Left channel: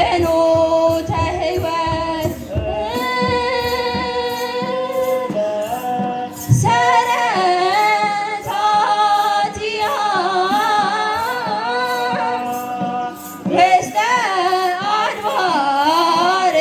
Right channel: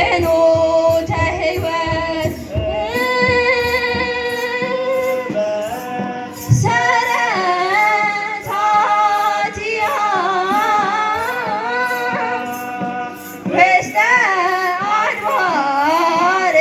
ፍኖተ ሕይወት ሰረታቲሃ ውስተ አድባር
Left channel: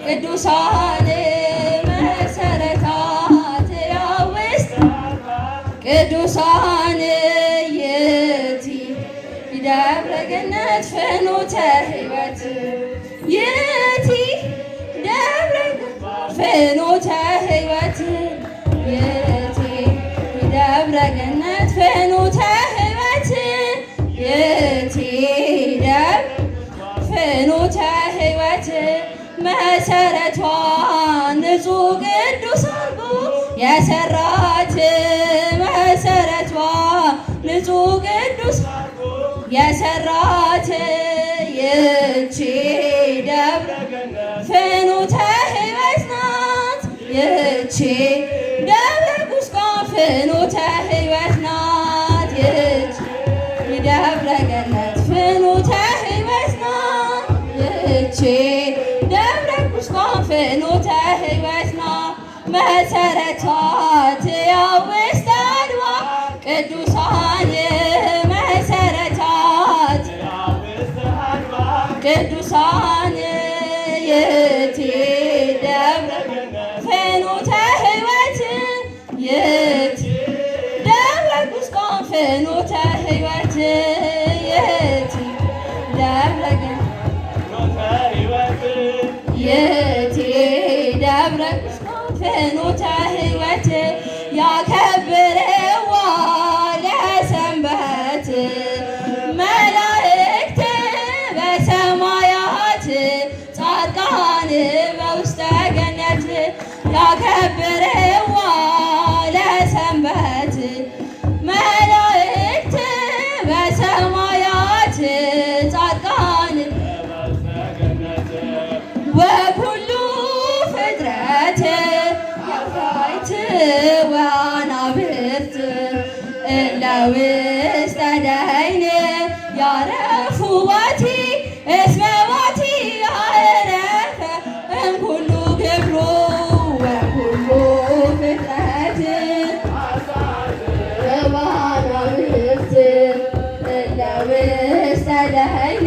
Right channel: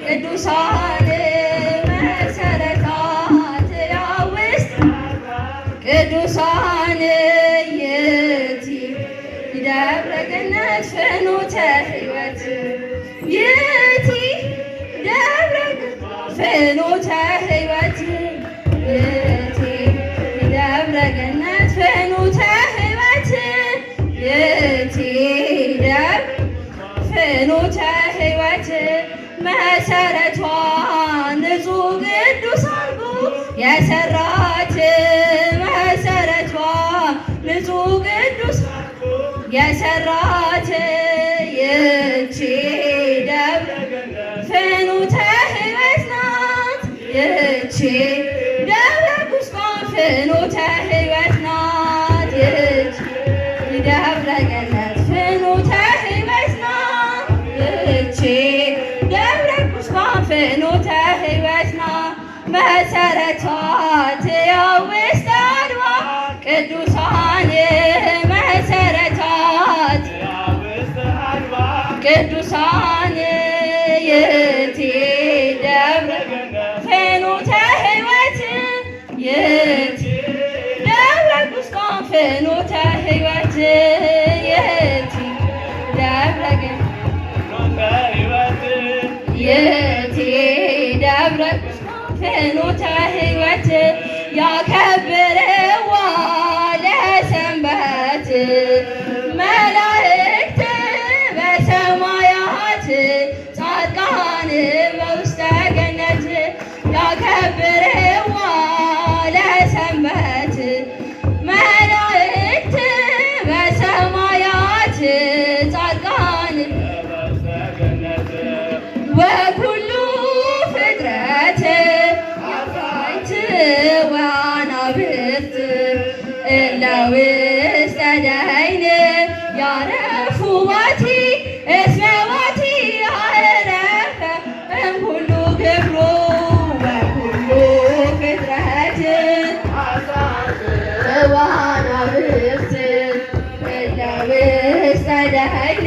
ቅዱሳን መሰረታት ውስጥ ቅዱሳን የቲ ደብረ ገነት ፍኖተ ሕይወት የቲ ደብረ ፍኖተ ሕይወት የቲ ደብረ ገነት ፍኖተ ሕይወት የቲ ደብረ ፍኖተ ሕይወት መሰረቷ ንጹሕ ቅዱስ አድርጎ የሰራት መሰረቷ ንጹሕ ቅዱስ አድርጎ የሰራት ይህች ደብረ ፍኖተ ሕይወት ናት። ይህች ደብረ ቁስቋም ፍኖተ ሕይወት ናት። ይህች ደብረ ገነት ፍኖተ ሕይወት ናት። ይህች ፍኖተ ሕይወት ናት። መሰረቷ ውስተ አድባር ቅዱሳን መሰረታት ቅዱሳን የቲ ደብረ ፍኖተ ሕይወት የቲ ደብረ ቁስቋም ፍኖተ ሕይወት የቲ ደብረ የቲ ደብረ ፍኖተ ሕይወት ያከብርዋ ለሰንበት መላእክት በሰማያት ጻድቃን በውስተ ገነት ያከብርዋ ለሰንበት መላእክት በሰማያት ጻድቃን ወኩሉ ፍጥረት አፍራይት ወአናብርት እለ ውስተ ደይን ያረፉ ባቲ እስመ ባቲ አረፈ እምኩሉ ግብሩ ወኩሉ ፍጥረት ወአናብርት እለ ውስተ ደይን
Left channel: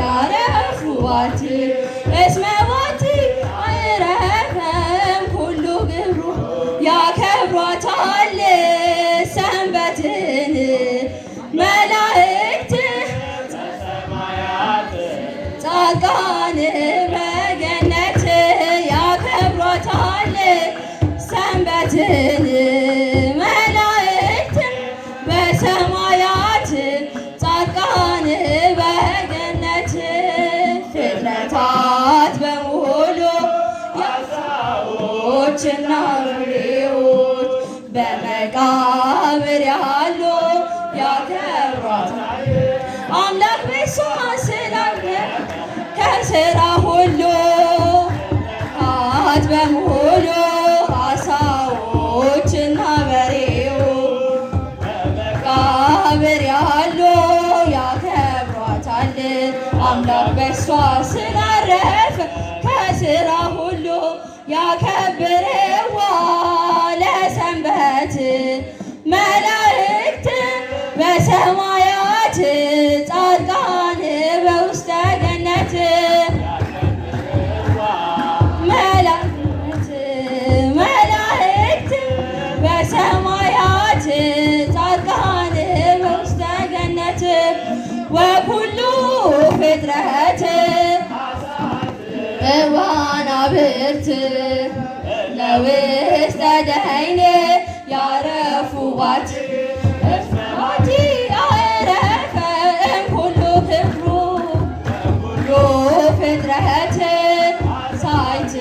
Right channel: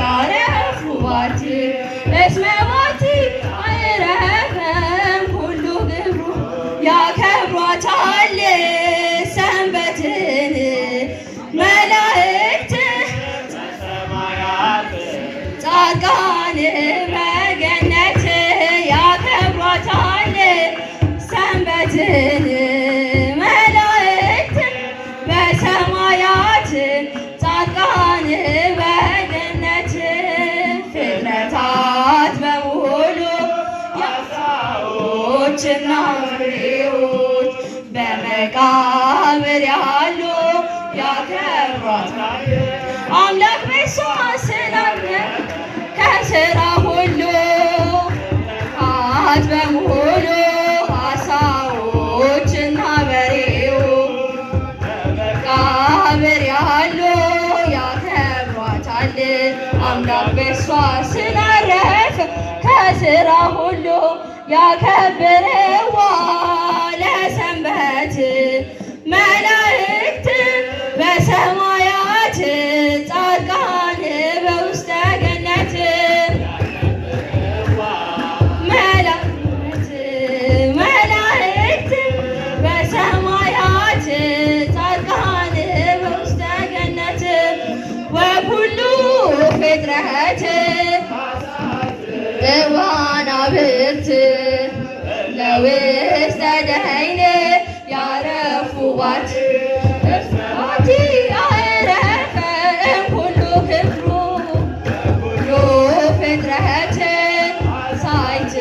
ያረፉ ባቲ እስመ ባቲ አረፈ እምኩሉ ግብሩ ያከብሯታል ሰንበትን መላእክት ጻድቃን በገነት ያከብሯታል ሰንበትን መላእክት በሰማያት ጻድቃን በገነት ፍጥረታት በሙሉ የአሳዎችና ፍሬዎች በመቃብር ያሉ ያከብሯታል አምላክ በእሷ ስላለ ከሥራ ሁሉ ሀት በሙሉ አሳዎችና ያከብርዋ ለሰንበት መላእክት በሰማያት ጻድቃን በውስተ ገነት መላእክት በሰማያት ጻድቃን በውስተ ገነት ወኩሉ ፍጥረት ዋናብርት ለውስተ ደይን ያረፉባት እስመዋቲ አዕረፈ እምኩሉ ክብሩ ኩሉ ፍጥረት ሳይት